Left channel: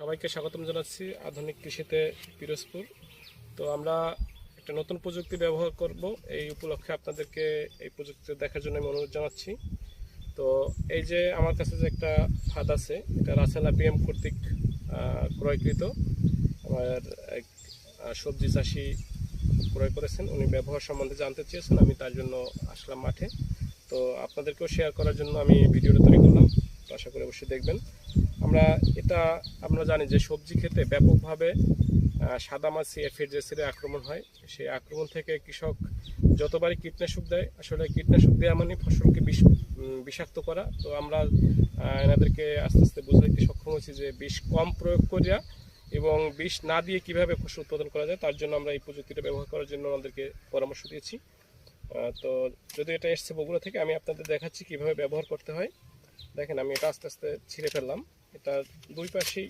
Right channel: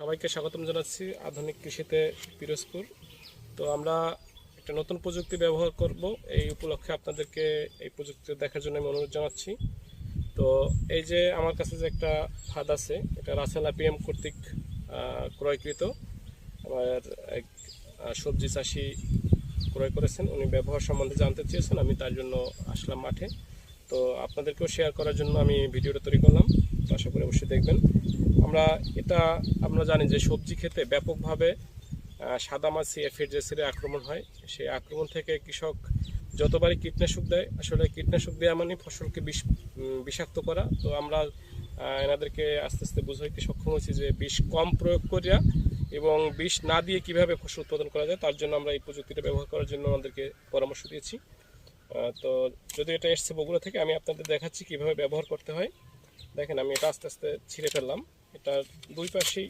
সবাইকে স্বাগতম জানাচ্ছি আধুনিক কৃষিতে পিরোজপুর। তো আমরা একটা নতুন প্রযুক্তি ব্যবহার করব, এই উপলক্ষে আপনাদেরকে এই প্রযুক্তি দেখার জন্য আমি অনুরোধ জানাচ্ছি। তো এই যে আমার কাছে যে একটা ফাঁদ আছে, এটা রাসেল আপিএম কর্তৃক ক্রয়কৃত। আমার এক সবজি চাষি ক্রয় করেছেন, উনি ব্যবহার সম্বন্ধে জানতে চেয়েছেন, আমি তার জন্য আসলাম মাঠে। তো আপনাদেরকেও শেয়ার করার জন্য আমি ভিডিওটা তৈরি করলাম, তো আশা করি অবশ্যই দেখবেন। আমরা জানি যে সবজি খেতে ব্যাপকভাবে সাদামাছি এফিডের আক্রমণ হয়। সেই আক্রমণ থেকে কৃষক যতবারই কীটনাশক দেয়, আসলে কীটনাশক দেওয়া মানে ফসলকে বিষাক্ত করা। তো আমরা এনাদেরকে আস্তে আস্তে বুঝাইতে সক্ষম হয়েছি যে বিষ কম প্রয়োগ করিয়া এবং বিষ না দিয়ে কিভাবে ফসল উৎপাদন করা যায়, তার জন্য আমরা এই প্রযুক্তিটা ব্যবহার করার জন্য আমাদেরকে পরামর্শ দিয়েছি। তো যদি এটা এসছে বগুড়া থেকে, আমি আপনাদের দেখাচ্ছি কিভাবে ব্যবহার করতে হয়। দেখেন, আমি এটা আস্তে আস্তে ছিঁড়ে ফেললাম। এটা দুই পাশেই